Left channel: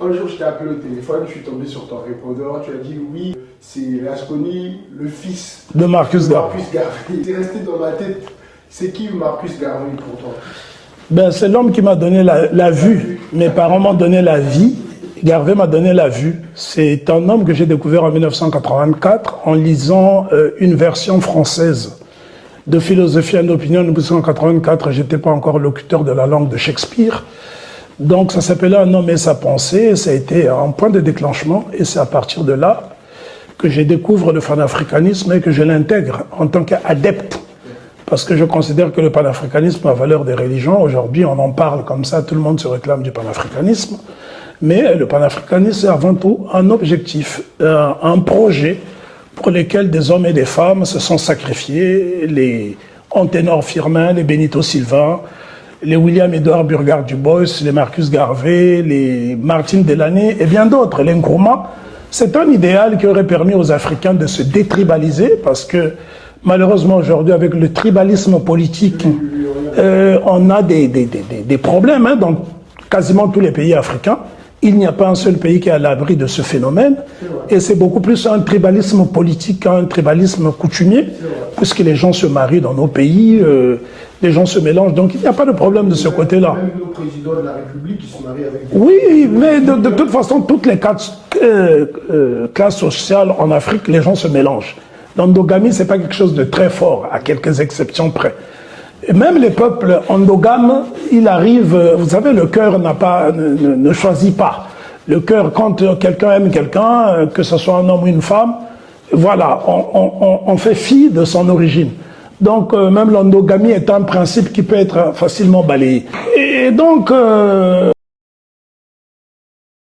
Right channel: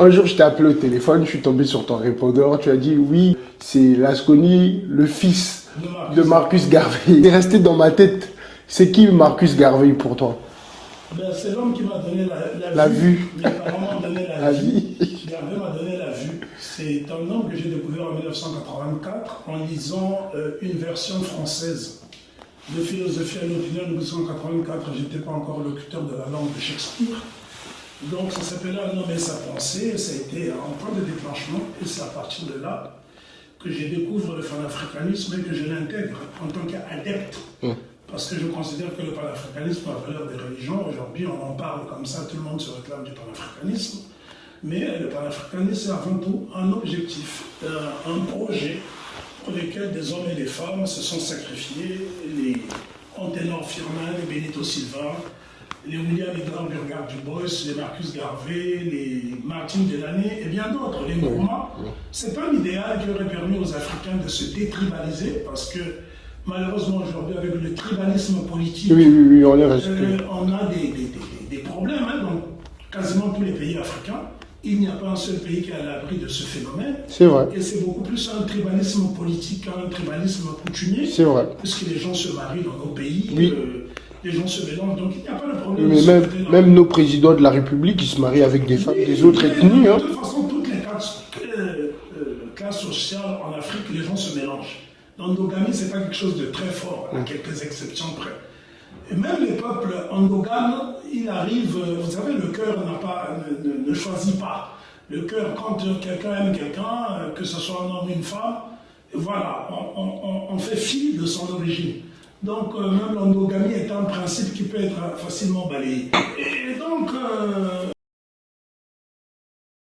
un jour, je t'ai appelé au téléphone, je suis tombé sur ton répondeur, tu as dit oui, c'est Lasconi, le fils de Marcus Garvey. Il est resté dans ma tête. C'est qui Marcus Garvey pour toi? Ben, c'est l'homme qui m'a donné la vue. Mes parents m'ont donné la vie. Garvey m'a donné la vue. C'est un homme que j'ai découvert en 1984 en lisant une version française de Philosophie et d'opinion. En 1984, je n'étais pas encore locuteur de la langue de Shakespeare. Donc ça s'appelait Un homme et sa pensée. Ça a été un point de déclenchement. Et c'est à partir de là que je découvre le panafricanisme et que je l'intègre en tant qu'adepte. Parce que je considère que le panafricanisme a valeur des religions. Aujourd'hui, on en parle comme ça, tout le monde se réclame du panafricanisme. Mais le panafricanisme, c'est avant tout un objectif, un projet pour lequel des hommes et des femmes se sont sacrifiés. Les Anténor Firmin, les Benito Silva, les William Edouard Burgard Dubois, les Marcus Garvey, les Martin Delaney et bien d'autres, les Nkrumah. C'est un idéal qui aurait permis aux Africains de se détribaliser parce que malheureusement, aujourd'hui, avec le tribalisme politique, on a des problèmes dans quasiment tous les pays africains. Il n'y a pas un seul pays qui est à l'abri de ce phénomène. Et c'est beaucoup plus un tribalisme politique qu'un tribalisme coutumier, puisque les gens se marient dans nos pays, les gens se mélangent. Donc il n'y a pas de problème de ce côté-là. Même nos présidents de la République, ils se marient avec des Oui, mais de toute façon, toutes les classes sociales en Afrique, les gens se mélangent. L'endogamie, ce n'est pas quelque chose de très fort, à quelques exceptions près. Et même les peuples endogames, il arrive, vous savez, le cœur ne choisit pas. Le cœur, quand quelqu'un aime quelqu'un, que ce soit un homme ou une femme, voilà, on fait fi de son origine. Donc, même l'endogamie est un principe qui peut être facilement balayé. Et donc...